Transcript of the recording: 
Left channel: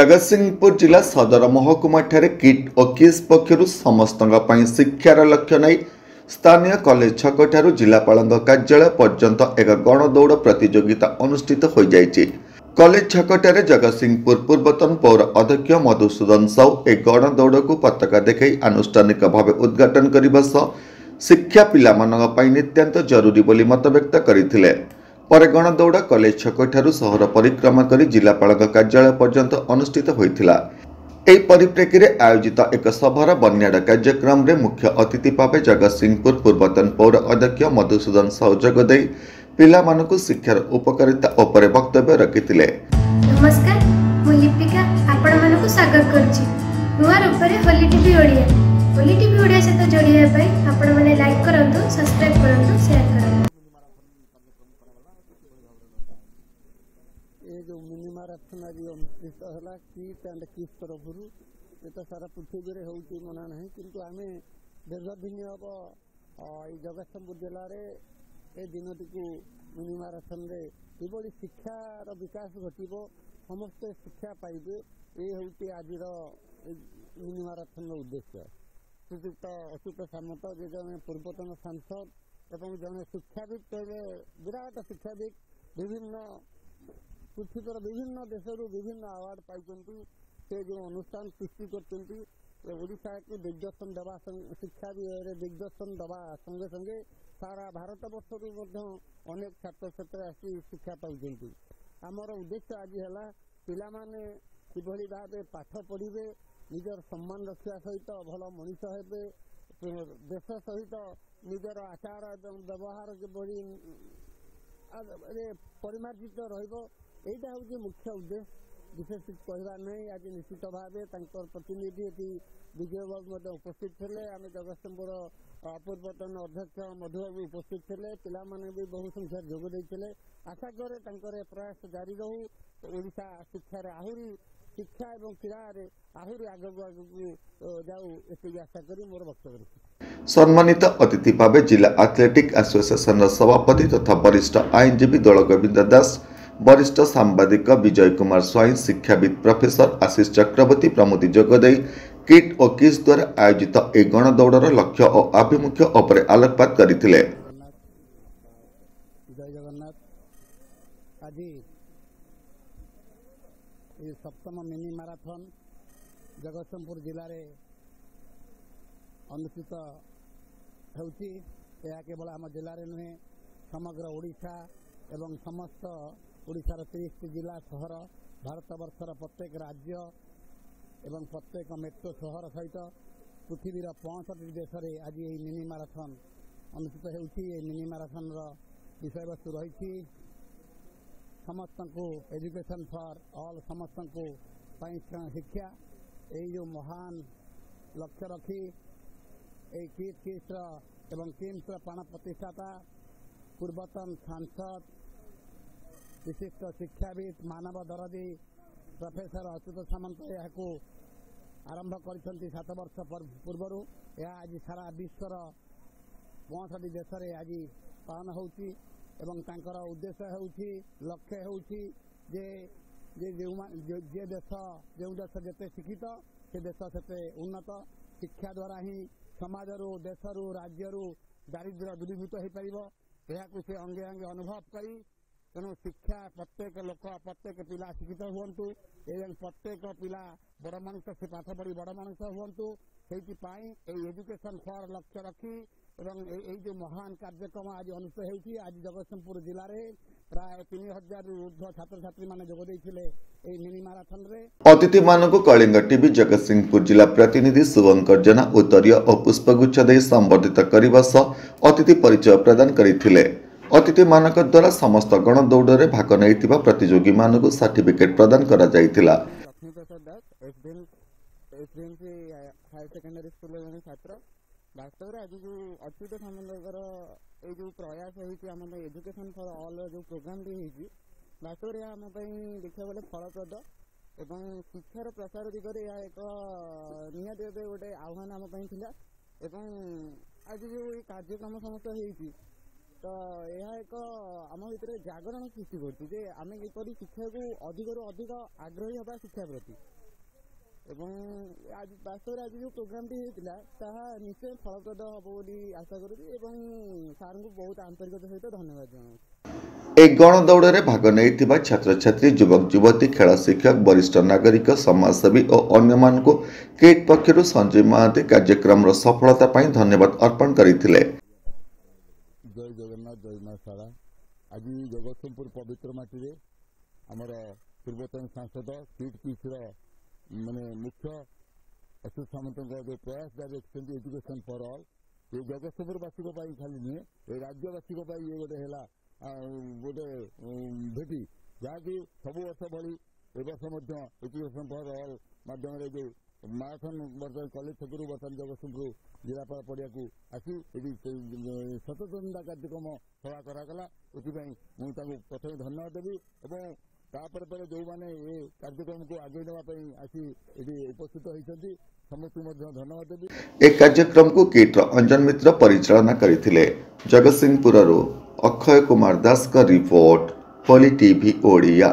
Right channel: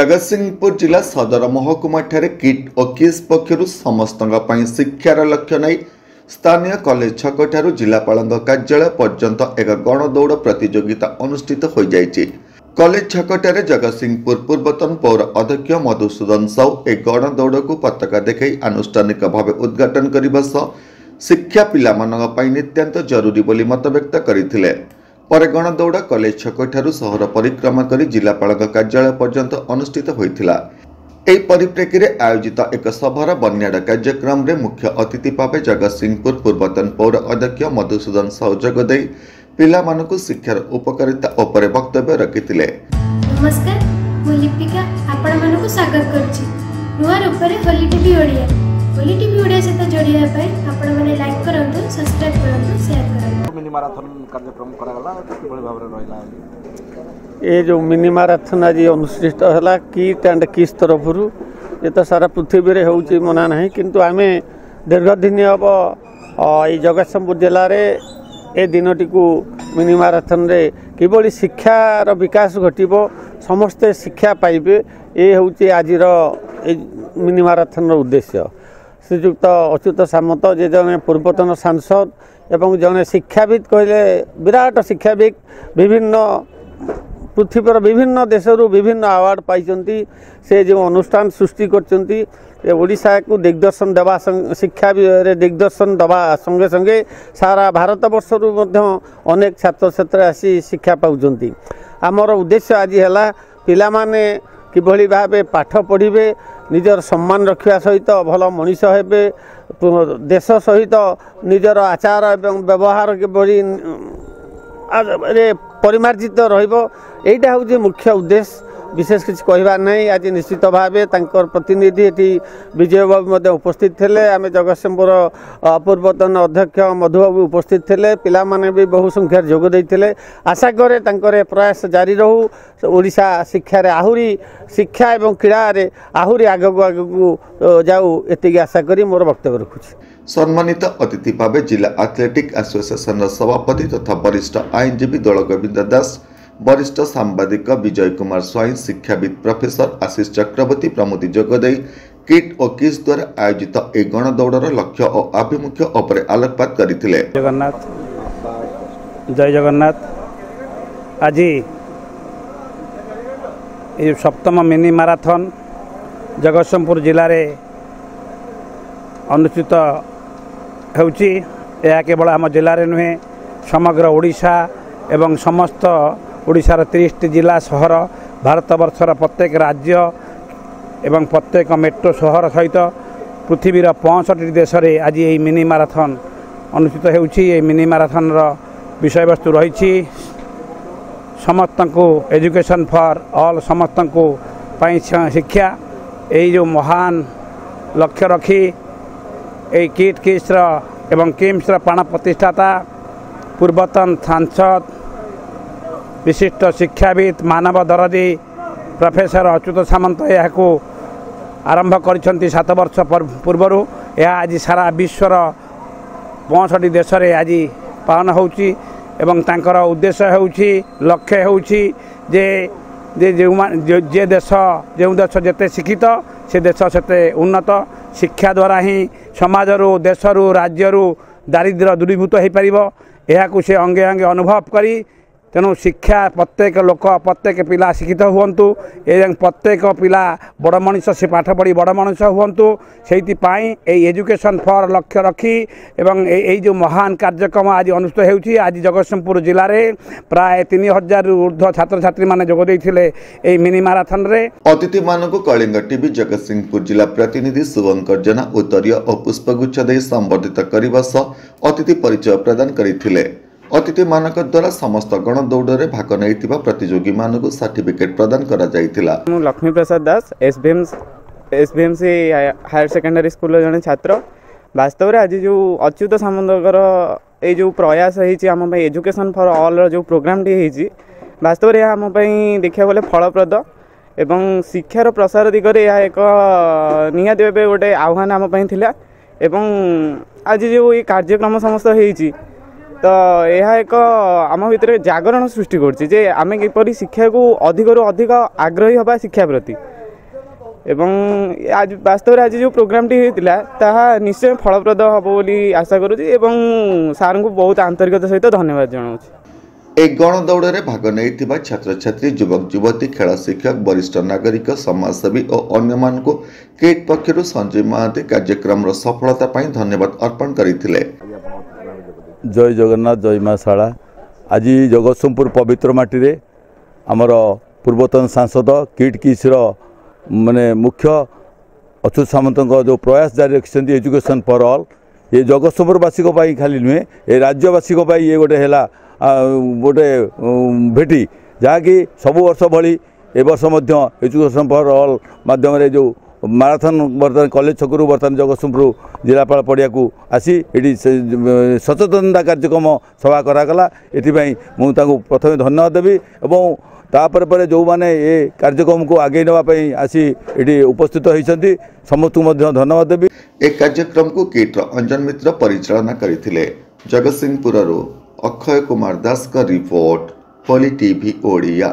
जगतसिंहपुर जिला सदर महकुमा किट और किस पक्षर समस्त शिक्षार लक्ष्य नहीं स्थानीय कॉलेज छक जिलापाल कार्यालय पर्यंत एक गणदौड़ प्रतियोगिता अनुष्ठित हो जाइए। कॉलेज छक जगतसिंहपुर पूर्वतन पौर अध्यक्ष मधुसूदन साहू एक गणदौड़ को पताका देखा आनुष्ठानिक भाव उद्घाटन करने सह शिक्षा पिला नित्यांत जरूरी बोली मत व्यक्त करते। पर गणदौड़ कॉलेज छक सहर परिक्रमा कर जिलापाल कार्यालय पर्यंत अनुष्ठित होता। यह परिप्रेक्षी में आयोजित एक सभार बन्याड़ कार्यक्रम में मुख्य अतिथि भाव जगतसिंहपुर पूर्वतन पौर अध्यक्ष मधुसूदन साहू जोगदे पिला मानकु शिक्षार उपकारिता उपर वक्तव्य रखिथिले। नमस्कार, मु लिपिका आपण मानकु स्वागत करछि। नुआ रूपरे होली टीवी ओडिया सहित जोड़िया आपण माने लाइक करंतु, सब्सक्राइब करंतु, शेयर करंतु। मिनी मैराथन कार्यक्रम करागला किबळी भाबरे रहिला। ये जो मिनी मैराथन आज अनुष्ठित है किट एंड किस तरफ ये तो सारा पृथ्वी में होउची मना नहीं, किंतु आमे दीर्घ दिन हम ये जगतसिंहपुर जिले में ए दिनटी को मिनी मैराथन रे किबळी शिक्षार विकास घटिबो, समस्ते शिक्षा पाइबे, ये होउची आजिर मिनी मैराथन उद्देश्य। श्रीजुक्त अच्युत सामंत जे जने पूर्वतन सांसद एवं जने शिक्षाविद कहले विराट शिक्षाविद विभिन्न पृथ्वीर विभिन्न देशरू विभिन्न अवार्ड पाई से जो अनुष्ठान सृष्टि करशा को दिग्दर्शन देवा शिक्षा दिग्दर्शन देवा संगे संगे सारा भारत वर्षरू अनेक छात्र छात्री आसी शिक्षा पाँच। आमर उद्देश्य आज है पिला माने किभली भावे पाठ पढ़े, निजर सम्मान रखा सहित भल मनीष हेबे, देश सहित निजर आचार एवं व्यवहार किभली परिमार्जित रहिबो, एटा हूँ मुख्य उद्देश्य। विशेष किसी कहबार नहीं। आज निश्चित भाव प्रतिनिधि ये विजय बाबू उपस्थित थे, आम जगतसिंहपुर पूर्वतन अध्यक्ष मधुबाबू उपस्थित थे, पिला माने भी बहु संख्यार जोग देते। आशा करे तांकर प्रयास जारी रहू, ओडिशा शिक्षा आहुरी शिक्षा एवं क्रीड़ा आहुरी आगक आगक जाऊ, एति आशा करी मोर वक्तव्य रखुछि। सम्मानित अतिथि भाव जिला एथलेटिक एसोसिएशन सभापति तथा वरिष्ठ आईनजीवी दल गोविंद दास, वरिष्ठ सांबादिक विजय कुमार स्वाई, शिक्षाविद प्रोफेसर आशीष चक्रवर्ती प्रमुख जोगदे किट और किस द्वारा आयोजित ए गणदौड़र लक्ष्य और आभिमुख्य उपर आलोकपात करथिले। जगन्नाथ जय जगन्नाथ। आज ये सप्तम मिनी मैराथन जगतसिंहपुर जिले में अनुष्ठित होउची। यह केवल आम जिले में नुहे, समग्र ओडिशा एवं समस्त ओडिशार 30 जिला सहर, भारत वर्षर प्रत्येक राज्य एवं प्रत्येक मेट्रो सहर सहित पृथ्वीर 65 देश में आज ये मिनी मैराथन अनुष्ठित होउची। ये मिनी मैराथन विषय वस्तु रही समस्त को एजुकेशन फॉर ऑल, समस्त को शिक्षा, यही जो महान लक्ष्य रखी ये किट किस एवं किम्स प्राण प्रतिष्ठाता पूर्वतन सांसद विशिष्ट शिक्षाविद मानव दरदी प्रोफेसर अच्युत सामंत यह आरंभ कर 7 वर्ष पूर्वर। यह आज सारा विश्वर 65 देश में आज पालन होउची एवं तांकर उद्देश्य होउची, लक्ष्य होउची जे जे देश जो देश जेते शिक्षित से देश सेते उन्नत। शिक्षा द्वारा ही समाजरू देशरू राज्यरू दारिद्र्य दूरीभूत हो पार। यह से अंगे अंगे अनुभव करी तेणु शिक्षा प्रत्येक लोक प्रत्येक पिला शिक्षित हुंतु एवं प्रत्येक पिला बड़ मनीष से पाठ पढ़ी बड़ मनीष हुंतु से एजुकेशन फॉर लक्ष्य रखी एवं यही जो महान कार्यक्रम आज अनुष्ठित होउची। आज जगतसिंहपुर जिले में प्राय 3000 ऊर्ध्व छात्र छात्री माने जोग देइथिले एई मिनी मैराथन रे। अतिथि मानक कलिंग टीवी जगतसिंहपुर जिला प्रतिनिधि शुभंकर जेना उत्तरीय और पुष्पगुच्छ दे संबर्धित करने सह अतिथि परिचय प्रदान करथिले। अतिथि मानक द्वारा समस्त गणदौड़ में भाग नहीं प्रतियोगी मानक सर्टिफिकेट प्रदान करा जाइथिला। लक्ष्मी प्रसाद दास एसबीएमसी हायर सेकेंडरी स्कूल जड़े छात्र। वास्तव में आज जो अच्युत सामंतर ये जो प्रयास होम एजुकेशन फॉर ऑल जो प्रोग्राम टी वास्तव में आम देखा गले फलप्रद एवं शिक्षार प्रसार दिगरे यह एक निहाती भाव गोटे आह्वान आम एवं आज जो ये कार्यक्रम समस्त होती तो यह एक आम भितर जागरण सृष्टि करछि जे आमे किपरि शिक्षा को अधिक रु अधिक आग्रही हबा शिक्षा प्रति। ଏବଂ ଆଜି ବାସ୍ତବରେ ଆଜି ଯେଉଁ ପ୍ରୋଗ୍ରାମଟି ହୋଇଥିଲା ତାହା ନିଶ୍ଚୟ ଫଳପ୍ରଦ ହେବ ବୋଲି ଆଶା କରୁଛି ଏବଂ ସାର୍ଙ୍କୁ ବହୁତ ଆନ୍ତରିକତା ସହିତ ଧନ୍ୟବାଦ ଜଣାଉଛି। এই গণদৌড়ে ভাগ নেইଥିବା ছাত্রছাত্রী যুবক যুবতী খেল শিক্ষক বরিষ্ঠ নাগরিক সমাজসেবী ও অন্যমানଙ୍କୁ কিট পক্ষରୁ সঞ্জীব মহাନ୍ତି କାର୍ଯ୍ୟକ୍ରମର ସଫଳତା ପାଇଁ ଧନ୍ୟବାଦ ଅର୍ପଣ କରିଥିଲେ। ଜୟ ଜଗନ୍ନାଥ ଜୟ ମା ଶାଳା। ଆଜି ଜଗତସିଂହପୁର ପବିତ୍ର ମାଟିରେ ଆମର ପୂର୍ବତନ ସାଂସଦ କିଟ୍ କିସ୍ର ମାନେ ମୁଖ୍ୟ ଅଚ୍ୟୁତ ସାମନ୍ତଙ୍କ ଯେଉଁ ପ୍ରୟାସ ଜାରି ରଖିଛନ୍ତି ଏଜୁକେସନ୍ ଫର୍ ଅଲ୍, ଏ ଜଗତସିଂହପୁରବାସୀଙ୍କ ପାଇଁ ଖାଲି ନୁହେଁ ଏ ରାଜ୍ୟବାସୀଙ୍କ ପାଇଁ ଇଏ ଗୋଟେ ହେଲା गोटे भेटी जहाँकि सबु वर्ष भली ए वर्ष एजुकेशन फॉर ऑल माध्यम जो माराथन बर्तमान कॉलेज छकरू बर्तमान जगतसिंहपुर जिलापाल पड़िया को आसी ये सचेतनता कार्यक्रम सभा करागला। एथिपाई मुझे प्रथम धन्यवाद देवी और तापर पर जो मैंने ये कार्यक्रम को आगे नापी आसी ये उपस्थित होती समस्त धन्यवाद देवी। एक कार्यक्रम को किट्र अंजन मित्र परिचालना करथिले। जगतसिंहपुर अक्षय कुमार दास का रिपोर्ट होली टीवी ओडिया।